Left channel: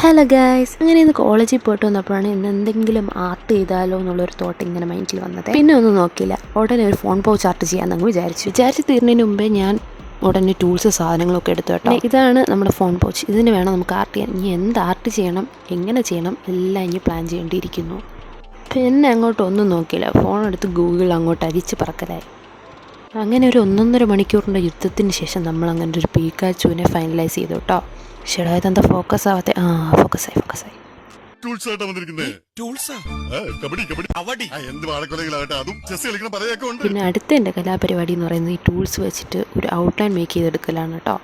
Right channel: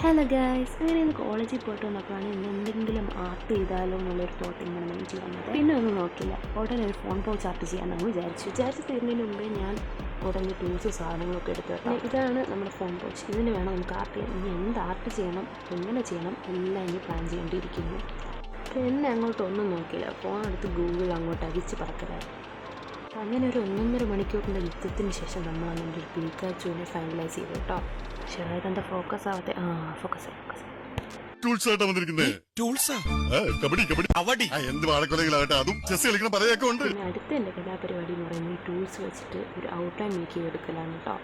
Hello guys, അങ്ങനെ ഇന്ന് കോളേജിൽ പോയിട്ട് വന്നപ്പോഴാണ് ഇന്ന് എന്തെങ്കിലും ആർട്ട് ചെയ്താലോ എന്നുള്ളൊരു തോട്ട് ഇങ്ങനെ മൈൻഡിൽ വന്നത്. പിന്നെ ഒന്നും നോക്കിയില്ല, ഉടനെ ഒരു ഫോൺ പൗച്ച് ആർട്ട് ചെയ്യാമെന്നങ്ങ് വിചാരിച്ചു തീർന്നതിന് മുമ്പേ ഞാൻ ഉടനെ ടൂൾസ് സാധനങ്ങളൊക്കെ എടുത്തു കേട്ടോ. ഇതാണ് നമ്മുടെ ഫോൺ പൗച്ച്. ഇതിന് വേണം നമുക്ക് ആർട്ട് ചെയ്യാൻ. ഇനി എന്ത് ആർട്ട് ചെയ്യണം, എങ്ങനെ ചെയ്യണം എല്ലാം ഇനി പ്ലാൻ ചെയ്യേണ്ടിയിരിക്കുന്നു. പിന്നെ അങ്ങോട്ടൊന്നും നോക്കിയില്ല, ഫോൺ എടുത്ത് ഗൂഗിൾ അങ്ങോട്ട് അരിച്ച് പറക്കലായി. അങ്ങനെ ഒരു 1.5 മണിക്കൂറിൻ്റെ യുദ്ധത്തിന് ശേഷം നമ്മൾ അങ്ങനെ ഒരു പീക്കാച്ചുവിനെ ഫൈനലൈസ് ചെയ്തു കേട്ടോ. ഷെടാ, ഇതെന്താ ഫോക്കസ് ആവാത്തെ? ഫോക്കസായി. പിന്നെ അടുത്ത എൻ്റെ കലാപരിപാടി എന്ന് പറയുന്നത് ഈ ടൂൾസ് വെച്ചിട്ട് ഒരു ഔട്ട്ലൈൻ മേക്ക് ചെയ്തെടുക്കലാണ് കേട്ടോ.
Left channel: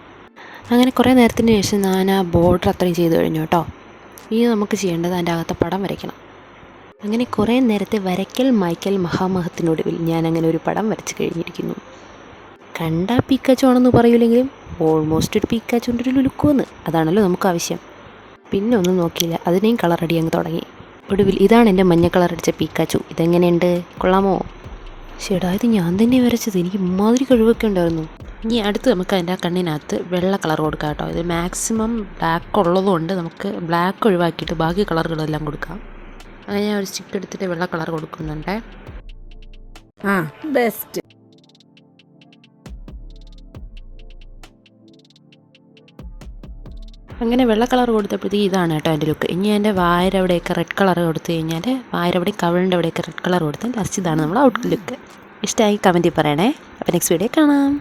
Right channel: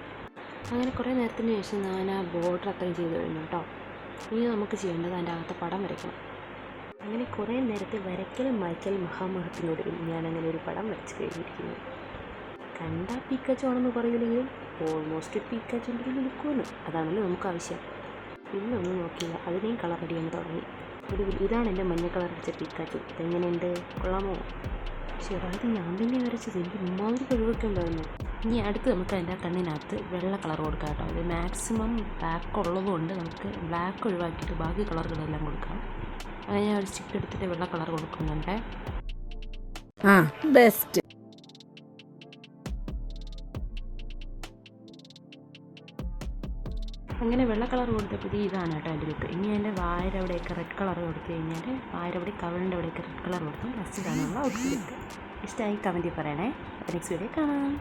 അങ്ങനെ കുറേ നേരത്തിന് ശേഷം ഞാൻ ആ ബോർഡർ അത്രയും ചെയ്ത് കഴിഞ്ഞു കേട്ടോ. ഇനി നമുക്ക് ചെയ്യേണ്ടത് അതിൻ്റെ അകത്തെ പടം വരയ്ക്കണം. അങ്ങനെ കുറേ നേരത്തെ വരയ്ക്കൽ മായ്ക്കൽ മഹാമഹത്തിനൊടുവിൽ ഞാൻ അങ്ങനെ ഒരു പടം വരച്ച് കഴിഞ്ഞിരിക്കുന്നു. കണ്ടാൽ പീക്കാച്ചു ആണെന്ന് പറയൂലെങ്കിലും ഓൾമോസ്റ്റ് ഒരു പീക്കാച്ചുൻ്റെ ഒരു ലുക്കുവെന്ന്, അതാണല്ലോ നമുക്ക് ആവശ്യം. പിന്നെ ഒന്നും നോക്കിയില്ല, അതിനെയും കളർ അടി അങ്ങ് തുടങ്ങി. ഒടുവിൽ ഇതാണ് എൻ്റെ മഞ്ഞ കളർ അടിച്ച പീക്കാച്ചു. ഇതെങ്ങനെയുണ്ട്, കൊള്ളാമോ? ചേട്ടാ, ഇത് ഞാൻ തന്നെ വരച്ചത്, എനിക്ക് ഇമ്മാതിരി കഴിവൊക്കെ ഉണ്ടായിരുന്നു. ഇനി അടുത്ത് നമുക്ക് അതിൻ്റെ ആ കണ്ണിനകത്ത് വെള്ള കളർ കൊടുക്കാം കേട്ടോ. ഇത് മാക്സിമം ബ്ലാക്ക് ഉള്ളതുകൊണ്ട് നമുക്ക് ബ്ലാക്ക് ഒഴിവാക്കിയിട്ട് ബാക്കി കളറുകളെല്ലാം കൊടുക്കാം. അങ്ങനെ ഞാൻ ഒരു സ്റ്റിക്ക് എടുത്തിട്ട് വെള്ള കളർ കൊടുക്കുന്നുണ്ട്. ബെസ്റ്റ്. അങ്ങനെ വെള്ള കളർ കൊടുത്തപ്പോഴത്തേക്ക് ഇതാണ് കേട്ടോ എൻ്റെ ലുക്ക്. ഇനി എൻ്റെ വായര അവിടെയൊക്കെ റെഡ് കളർ കൊടുത്തു കഴിഞ്ഞാൽ വായര അവിടെ കവിളിൻ്റെ അവിടെയൊക്കെ റെഡ് കളർ കൊടുത്ത് ലാസ്റ്റ് ഇതാണ് നമ്മൾ ഔട്ട് ലുക്ക്. ഇഷ്ടമായി കമൻറ്റിൽ പറയണേ. അപ്പോൾ നെക്സ്റ്റ് വീഡിയോ കാണാം.